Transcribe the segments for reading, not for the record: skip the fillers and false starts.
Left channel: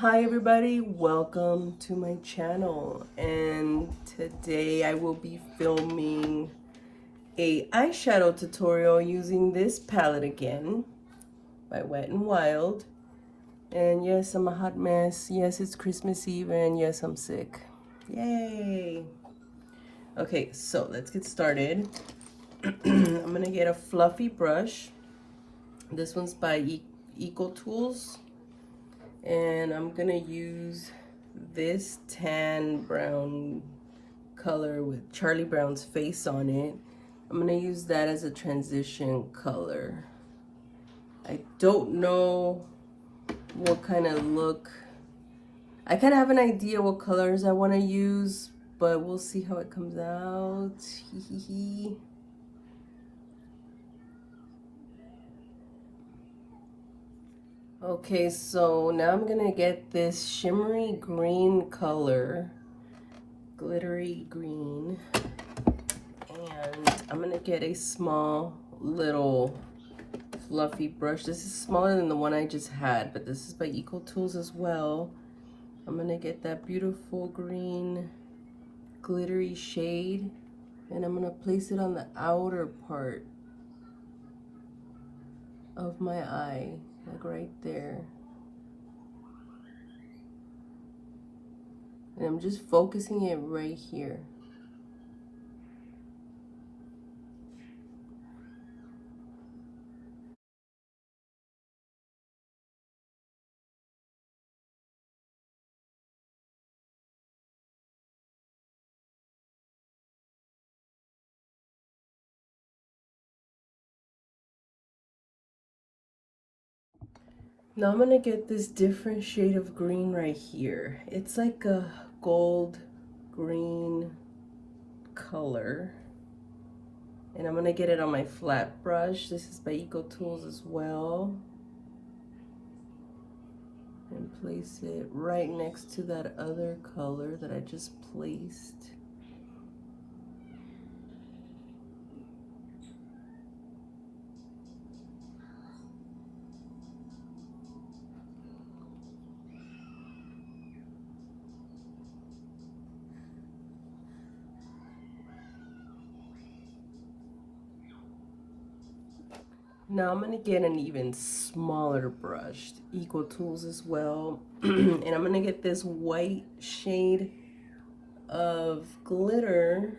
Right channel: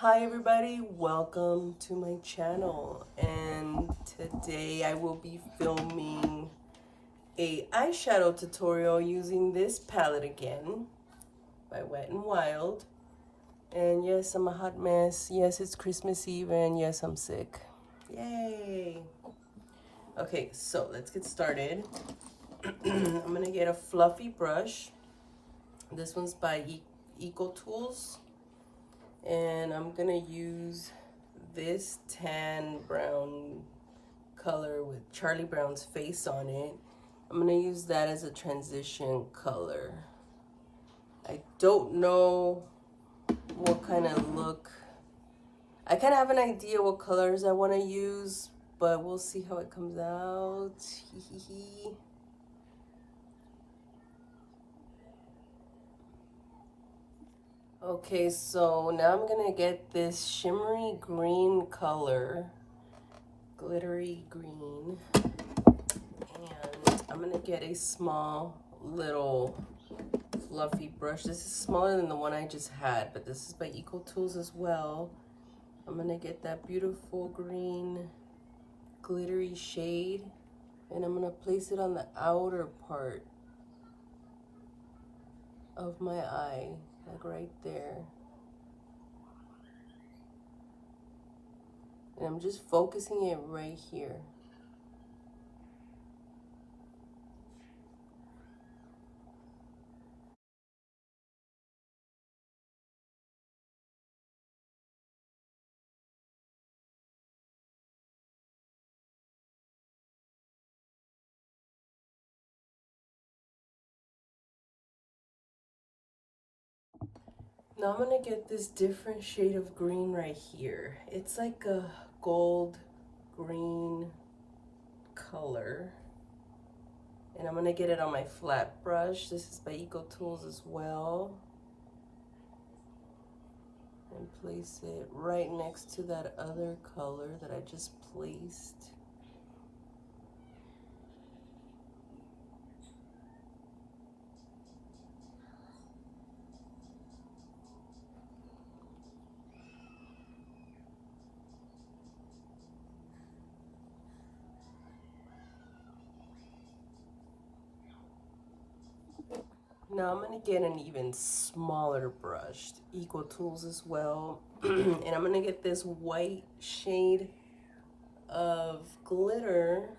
Hi everybody, welcome to my channel, and today I will be filming a eyeshadow tutorial using this palette again by Wet n Wild. And yes, I'm a hot mess. Yes, it's Christmas Eve, and yes, I'm sick. Yay! Okay, so let's get started. I'm gonna get a fluffy brush. This one's by Eco Tools. And I'm gonna use this tan brown color with Charlie Brown's face on it. I'm gonna use that as a transition color. I don't know what kind of look. I kind of have an idea what colors I want to use, but we'll see how it comes out. Okay, so now I'm gonna get this shimmery green color, glittery green, and I'm gonna get a small little fluffy brush. This is smaller than the one I just had, but this is by Eco Tools as well. I'm gonna get that beautiful green glittery shade, and I'm gonna place it on the outer part of my eye, like right there. And I'm just focusing it right here. Now I'm gonna get this different shade of green right here. It's like a gold green color. And I'm gonna get it on my flat brush. This is by Eco Tools as well. And place it right next to that other color that I just placed. Now I'm gonna get an even smaller brush, Eco Tools as well. And I'm gonna get this white shade of glitter.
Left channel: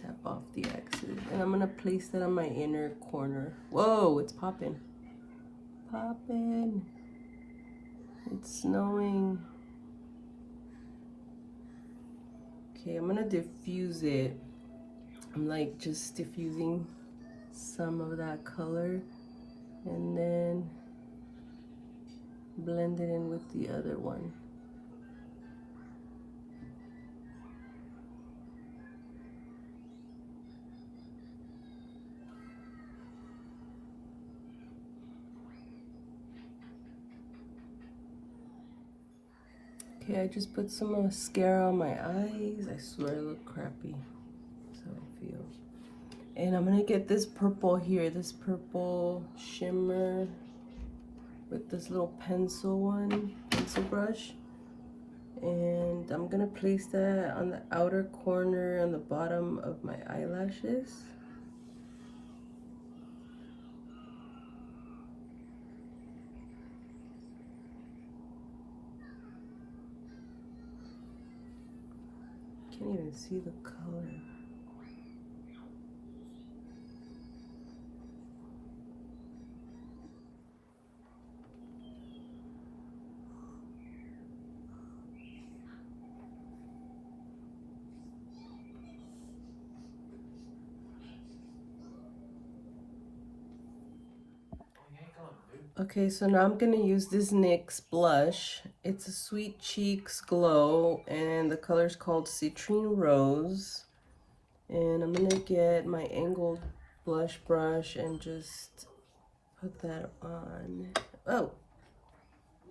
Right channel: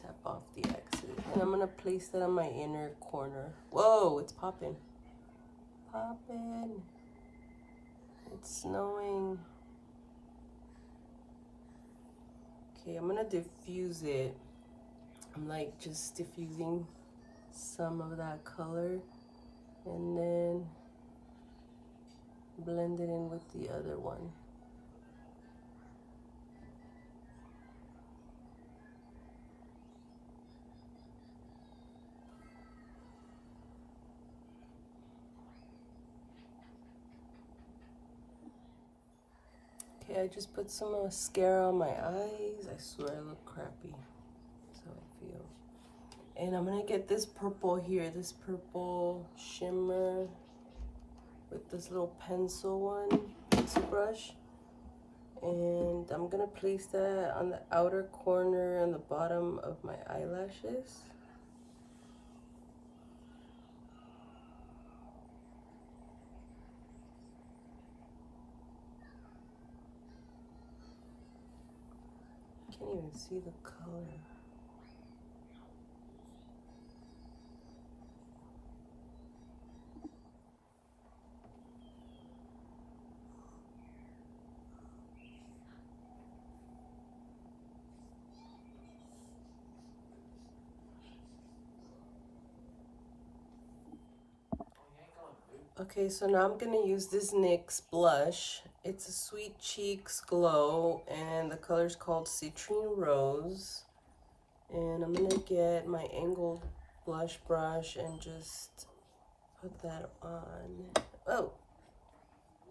Tap off the exes. And I'm gonna place that on my inner corner. Whoa, it's popping. Popping. It's snowing. Okay, I'm gonna diffuse it. I'm like just diffusing some of that color and then blend it in with the other one. Okay, I just put some mascara on my eyes. I swear I look crappy. That's how I feel. And I'm gonna get this purple here, this purple shimmer with this little pencil brush. And I'm gonna place that on the outer corner on the bottom of my eyelashes. Can't even see the color. Okay, so now I'm gonna use this NYX blush. It's a Sweet Cheeks Glow, and the color's called Citrine Rose. And I'm gonna get my angled blush brush and just put that on. Oh,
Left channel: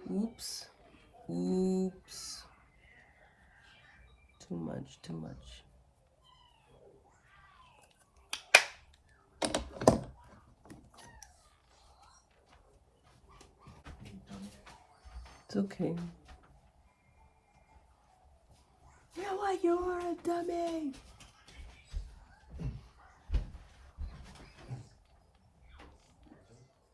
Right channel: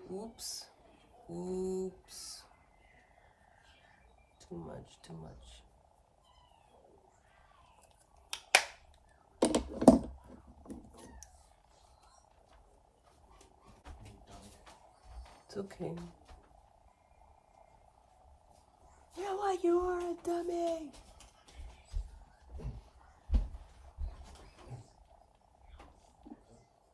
oops, oops. Too much, too much. It's okay. You know what? You're a dummy.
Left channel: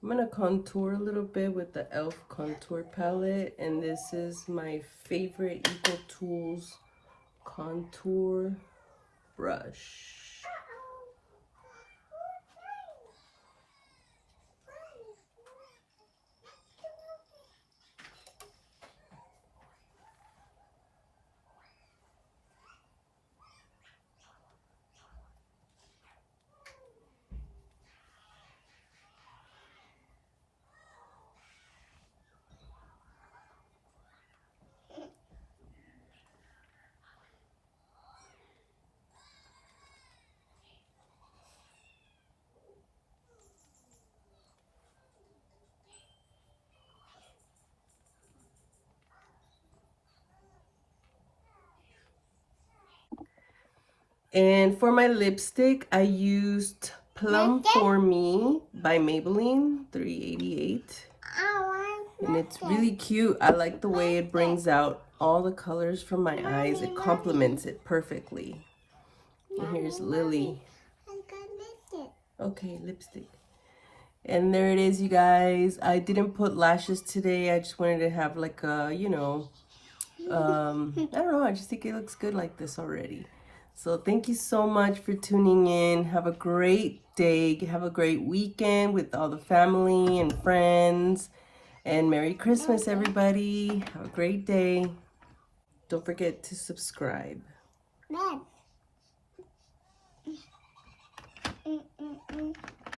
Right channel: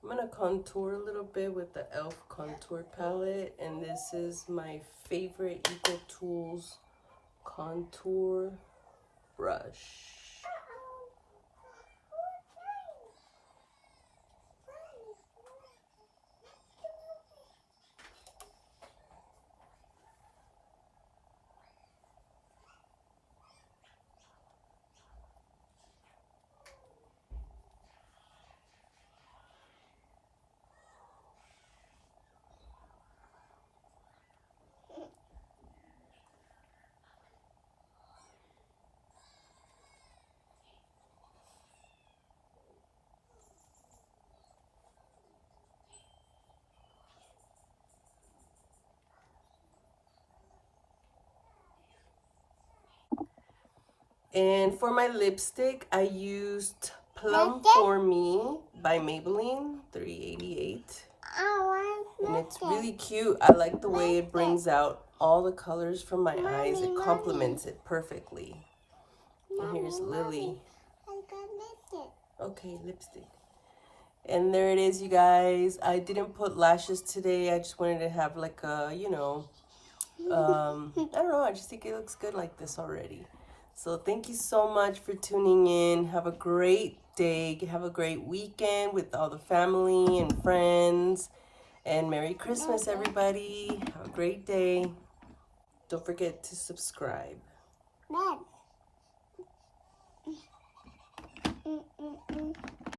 I'm gonna contour a little bit with the ELF contour palette, and this is my favorite Eco Tools contour brush. And for my lipstick, I used Plum For Me by Maybelline 388. And it's really cute. I like the way it brings out all the colors from my eyes. It complements it perfectly. And here's Lily. Okay, lipstick. And there it is, you guys. I didn't put lashes today. I just wanted to have like a, you know, I don't know. I just think it looks good like this already. So thank you so much for tuning in. Have a great day. Have a great weekend with all the family and friends. And Merry Christmas, everybody. Have a great day. Don't forget to subscribe.